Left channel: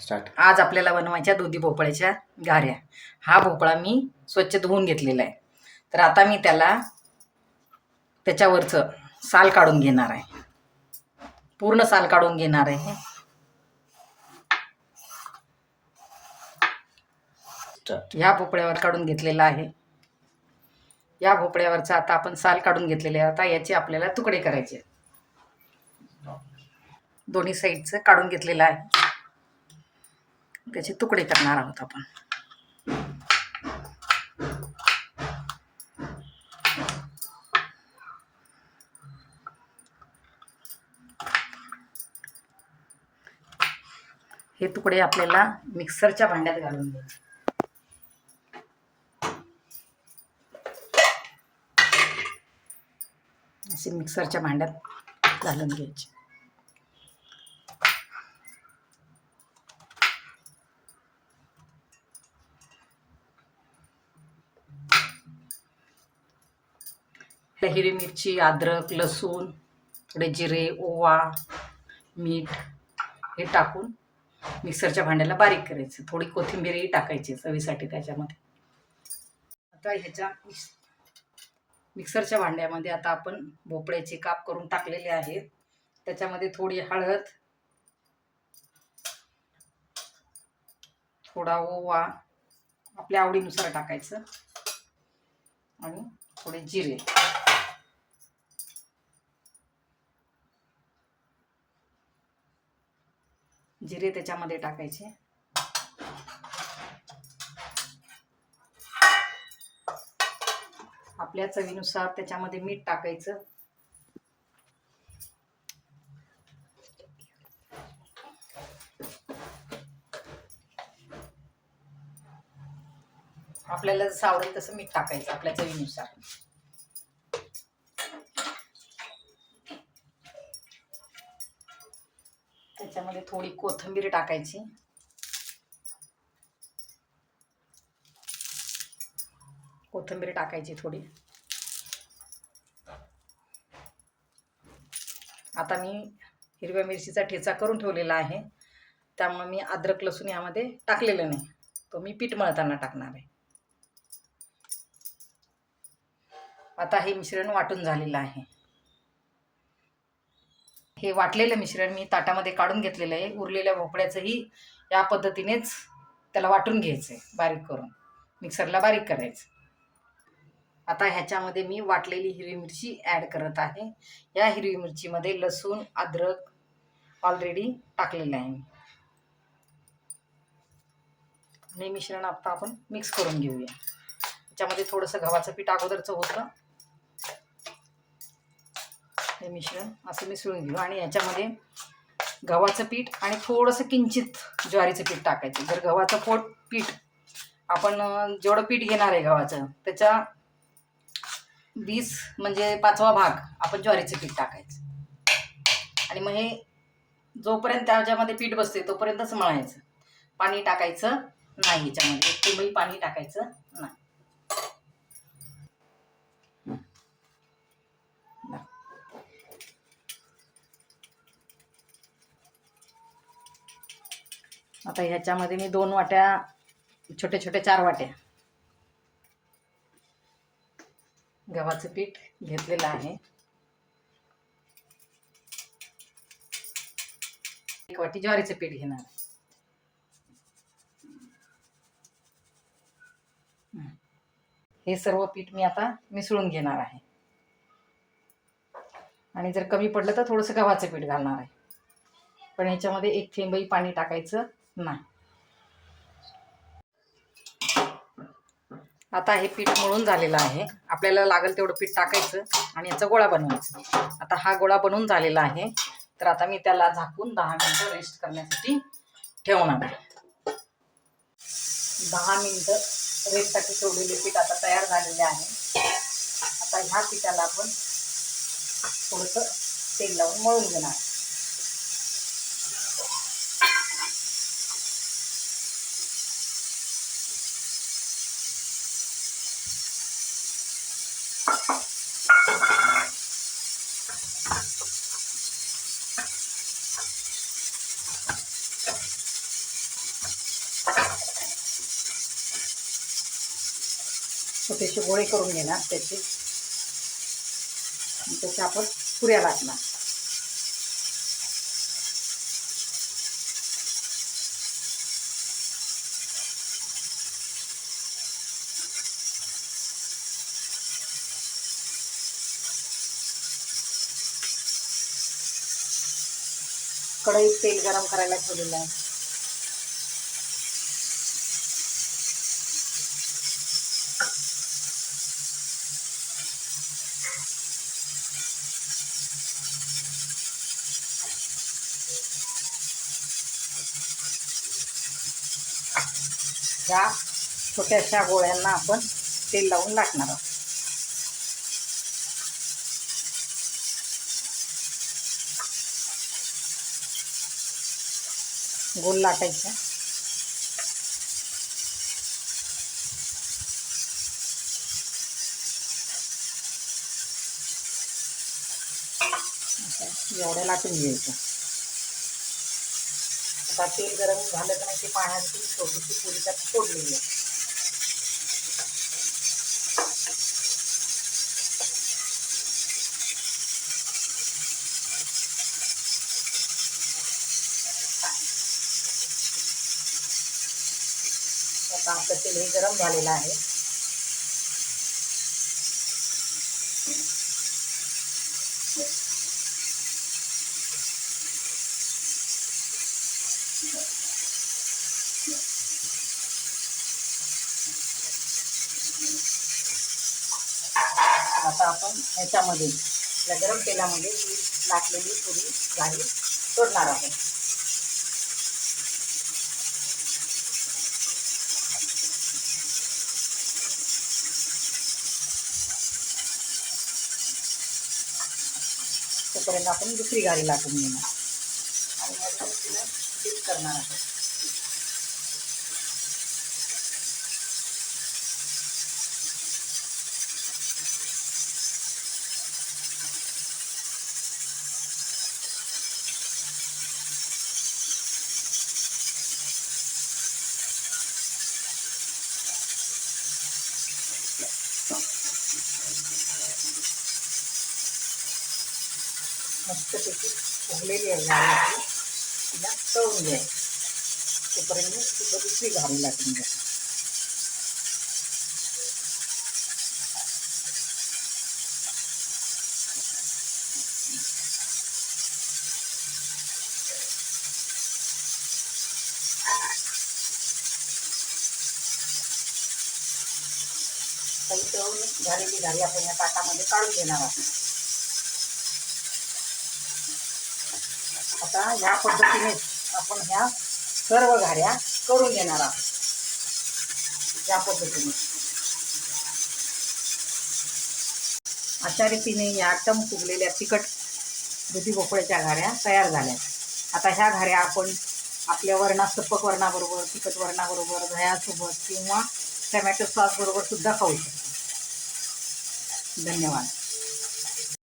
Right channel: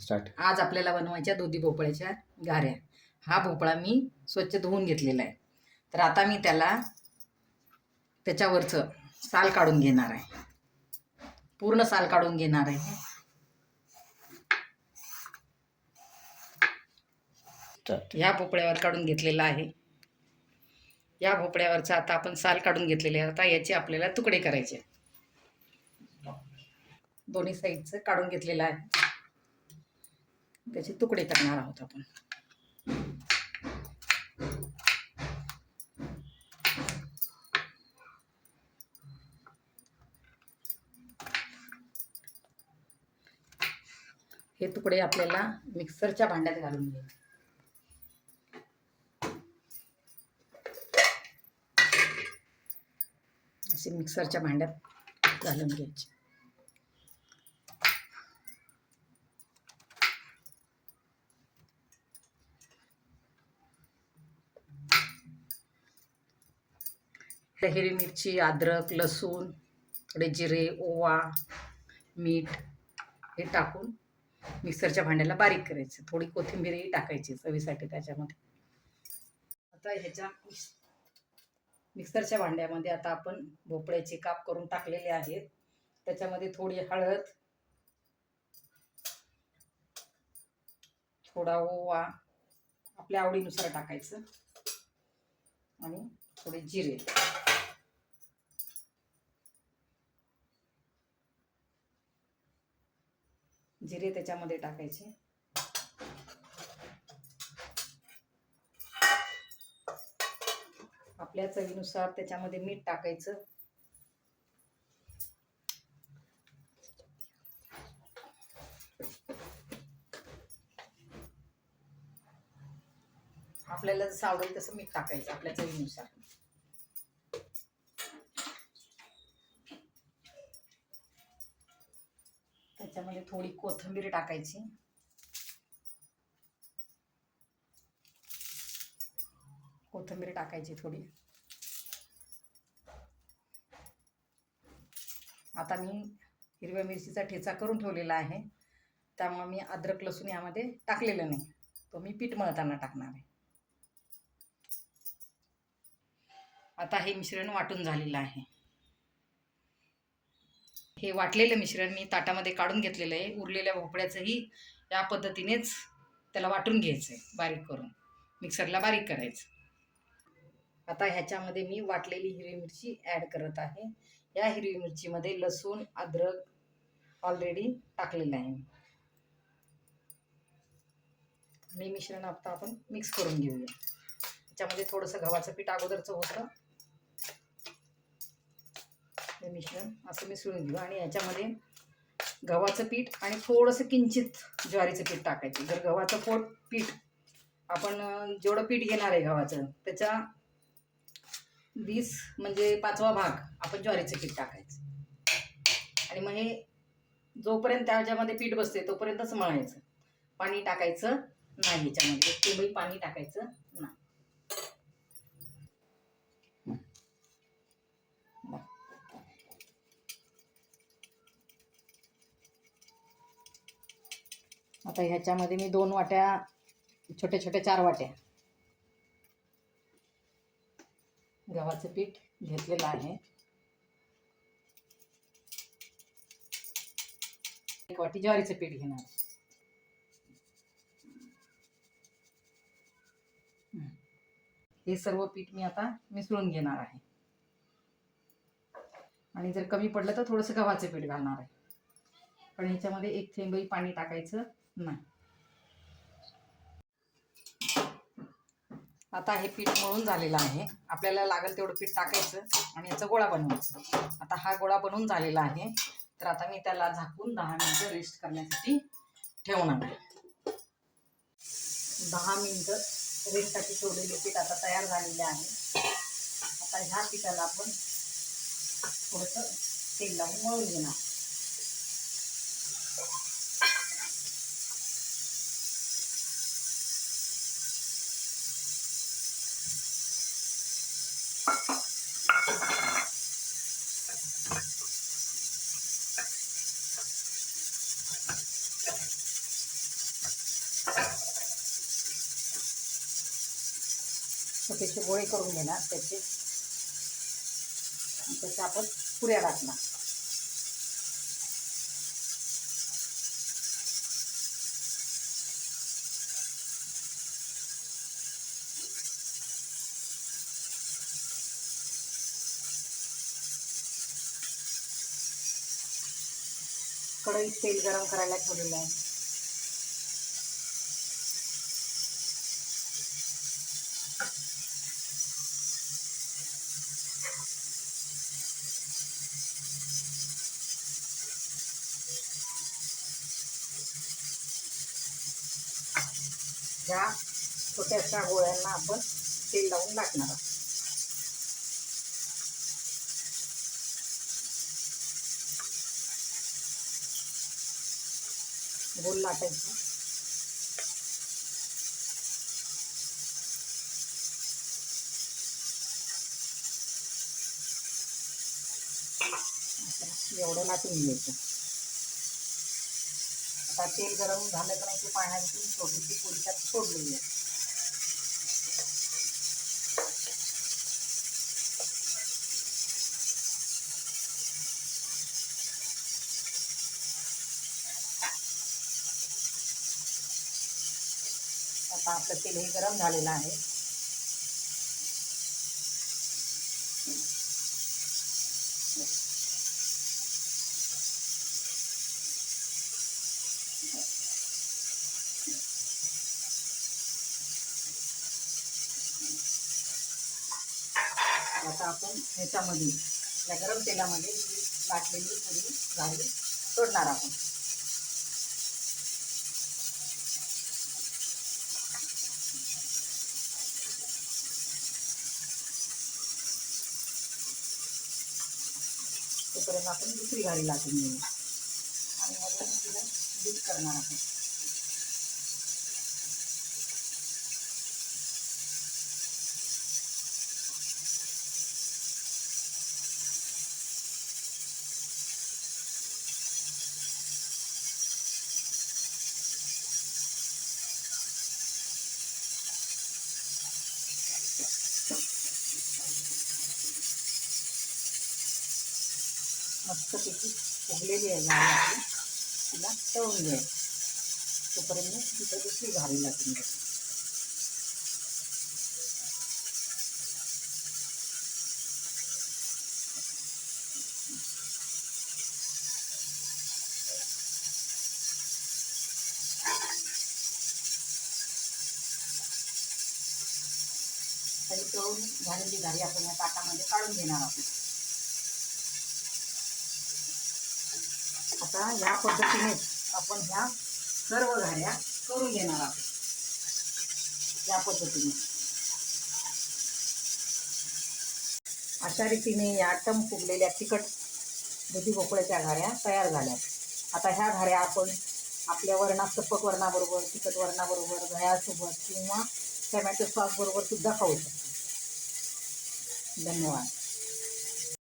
Start आज आपल्याला बनवायच्या दुधी भोपळ्याच्या घाऱ्या हा भोपळा मी स्वच्छ धुवून घेतलेला आहे. तर आता मी त्याला त्याच्यावरचं साल काढून घेणार आहे. पूर्ण साल काढून घेणार आहे. ह्या भोपळ्यावर काढून घेतलेला आहे. या भोपळ्यावरचं आता आपण साल काढून घेतलेले आहे. आता याचे आपल्याला तुकडे करायचे दोन्ही साईडचं काढून घेतलेलं आहे. त्याचे तुकडे करणार आहोत आपण. हे तुकडे आपल्याला मिक्सरच्या भांड्यात घालून घ्यायचे. असे मिक्सरच्या भांड्यात घालून घ्यायचे. ह्या हिरवी मिरची अद्रक लसूण थोडे जिरे ओवा मीठ हे टाकून मिक्सरच्या भांड्याला बारीक करायचं. थोडी कोथिंबीरही टाकायची चवीसाठी त्याच्यामध्ये. आता ह्याच्या मिक्स- मिक्सरच्या भांड्यामध्ये आता आपण भोपळ्याचे काप करून टाकलेले आहेत. त्याच्यामध्ये थोडी हळद थोडा ओवा आपल्या आवडीनुसार टाकायचं आणि थोडे जिरे. जिरे त्याच्यामध्ये टाकायचे. आपल्या चवीनुसार त्याच्यामध्ये मीठ टाकायचं. आपल्याला जसं आवडेल तसं मीठ टाकायचं आपल्या चवीनुसार. त्याच्यामध्ये थोडी कोथिंबीर टाकायची. कोथिंबीर टाकायची थोडी. आता मी हिरव्या मिरचीचा ठेचा करून ठेवलेला आहे. त्यामुळे मी अद्रक लसूण यामध्ये टाकलेलं नाही. तो मी पीठ मळताना टाकणार आहे. आता हे मिश्रण वाटून झालेलं आहे. हे वाटलेलं मिश्रण मी ताटामध्ये काढून घेतलेलं आहे. उरलेल्या भोपळ्याचंही या पद्धतीनेच त्याला वाटून घ्यायचं आहे बारीक करून. मिक्सरला बारीक करायचं. आता ह्याच्यामध्ये मी वाटलेली हिरवी मिरची ॲड करत आहे. या हिरवी मिरचीमध्ये लसूण अद्रक ऑलरेडी टाकलेलं आहे मी. आणि मिश्रण आता आपण मिक्स करून घेऊया. त्याच्यामध्ये थोडंसं गव्हाचं पीठ अगोदरचं होतं. हे मिश्रण. असं मिसळून घेऊ. आणि याच्यामध्ये गव्हाचं पीठ आणि थोडंसं किंचित ज्वारीचं पीठ टाकायचं. जर गव्हाचं पोट पीठ आपण जेवढं पीठ घेणार आहे गव्हाचं त्याच्या वीस म्हणजे पाचवा भाग आपण ज्वारीचं पीठ टाकायचं. आणि मग हे जोपर्यंत त्याच्यामध्ये पीठ बसते तोपर्यंतच मळायचं. पाणी टाकायचं नाही याच्यामध्ये. एक पाणी टाकायचं नाही. आता ह्याच्यामध्ये मी दोन वाट्या छोटे छोटे चार वाट्या गव्हाचं पीठ घेतलेलं आहे. एक वाटी ज्वारीचं पीठ घेणार. हे सर्व पीठ मी आता मिसळून घेणार आहे. आणि जर कमी पडलं तर थोडंसं गव्हाचं पीठ घालणार आहे. पण ह्याच्यामध्ये एक थेंबही पाणी टाकायचं. नाही. आता हे पीठ मळून झालेलं आहे. आपल्याला लागेल तेवढं पीठ टाकायचं आणि याचा गोळा बनवायचा. आता हा गोळा बनवून झालेला आहे. तर आता मी त्याला झाकून दहा मिनिटं रेस्ट करण्यासाठी ठेवणार आहे. दहा मिनिटं रेस्टसाठी ठेवलेले पीठ आता तयार झालेले आहे. आता ह्या पिठाला आपण थोडंसं तेल लावून मळून घेणार. छोटेसे गोळे करून घेणार त्याचे. आणि त्याचे आपण पुऱ्या लाटणार कढईत तेल गरम करायला ठेवलेलं आहे. ह्या छोट्याशा गोळ्यांना आपण तेल लावून लाटणार आहोत. गोल लाटायचा. एवढ्या लाटून घ्यायचं आता तेल गरम झालं का नाही ते पाण्याची छोटीशी पुरी त्यात फोडलेली आहे. आता आपलं तेल हे गरम झालेलं आहे. आता आपण ह्याच्यामध्ये आपल्या गरम तेलामध्ये ही लाटलेली पुरी भाजी सोडणार आहोत. तोपर्यंत आपण दुसरी गाडी लाटून घेणार. आणि अजून तिला डीप करणार आहोत. मस्तपैकी फुगलेली आहे गाडी आपली तिला तळून घ्यायची तोपर्यंत तिथं दुसरी घारी लाटून घ्या काही तळून झालेली घारी आपण या ताटामध्ये काढून घेणार आहोत आता या पद्धतीने आपण ह्या सर्व घाऱ्या करून घेणार आहोत. या पद्धतीने. अशा रीतीने या टम फुगलेल्या तिखट दुधी भोपळ्याच्या घाऱ्या तयार झाल्या. आता ह्या घाऱ्या आपण आपल्या वरणा सप्पक वर्णाबरोबर तिखट वर्णाबरोबर दह्यासोबत किंवा टमॅटो सॉस बरोबर सुद्धा खाऊ शकतो. धन्यवाद.